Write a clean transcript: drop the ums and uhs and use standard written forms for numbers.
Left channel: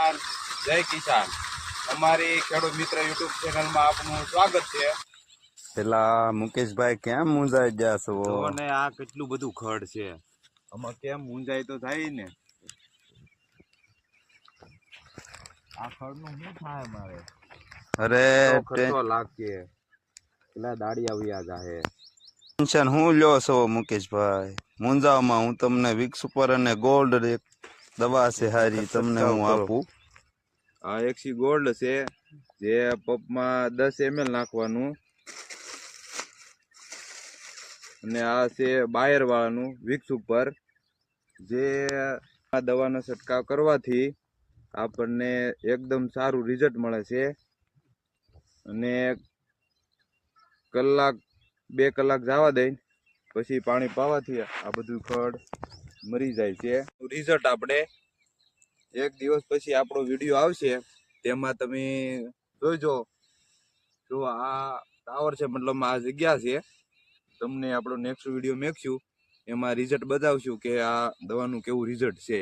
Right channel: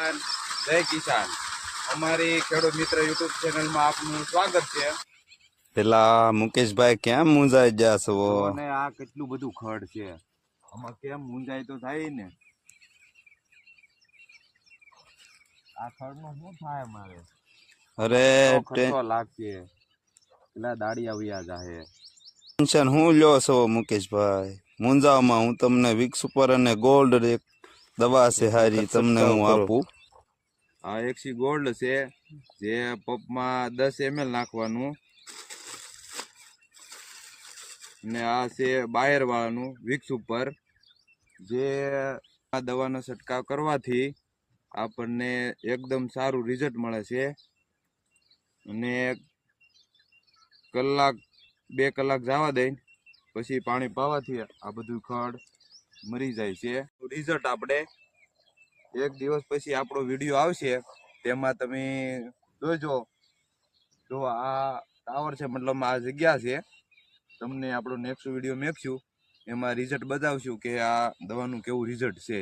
જય કિસાન. અમારી ખેડૂત મિત્ર યુટ્યુબ ચેનલમાં આપનું સ્વાગત છે. પેલા મુકેશભાઈ કેમ મૂંઝાઈ ગયા છો? ને આ કેટલું બધું ખડ છે, આમાં કેમ મૂંઝાય તો થાય ને. આ ખડ નું શું થાય મારે? અરે ખર્ચો લાગશે, પેલા દાડિયા વ્યા જાહે. ટેન્શન હું લ્યો છો મુકેશભાઈ? મૂંઝાવમાં હું તમને વિક્સ ઉપર અને ગોલ્ડ એક દવા છે હારી તમને હું આપું. આ એક્સી ગોલ્ડ છે, જે પપમાં 10 ml નાખવાનું, અને આ છે બાયર વાળાનું વિક્સ ઉપર. જે આ દવાનો છંટકાવ કરવાથી આપણને એકદમ સારું રિઝલ્ટ મળે છે. અને કલાક 2 કલાક જવા દઈ પછી પાણી પાવાથી આ બધું ખડ મરી જાય છે. રિઝલ્ટ આપણે 1 દિવસ પછી આપણો વિડીયો આવશે, તેમાં તમે જોઈજો. જો આ ટાવર છે, મતલબ આ જગ્યા છે, તમને આપણો નેક્સ્ટ વિડીયો મેકશું, એમાં રિઝલ્ટ બતાવશું કે આ દવાનું કેવું રિઝલ્ટ છે.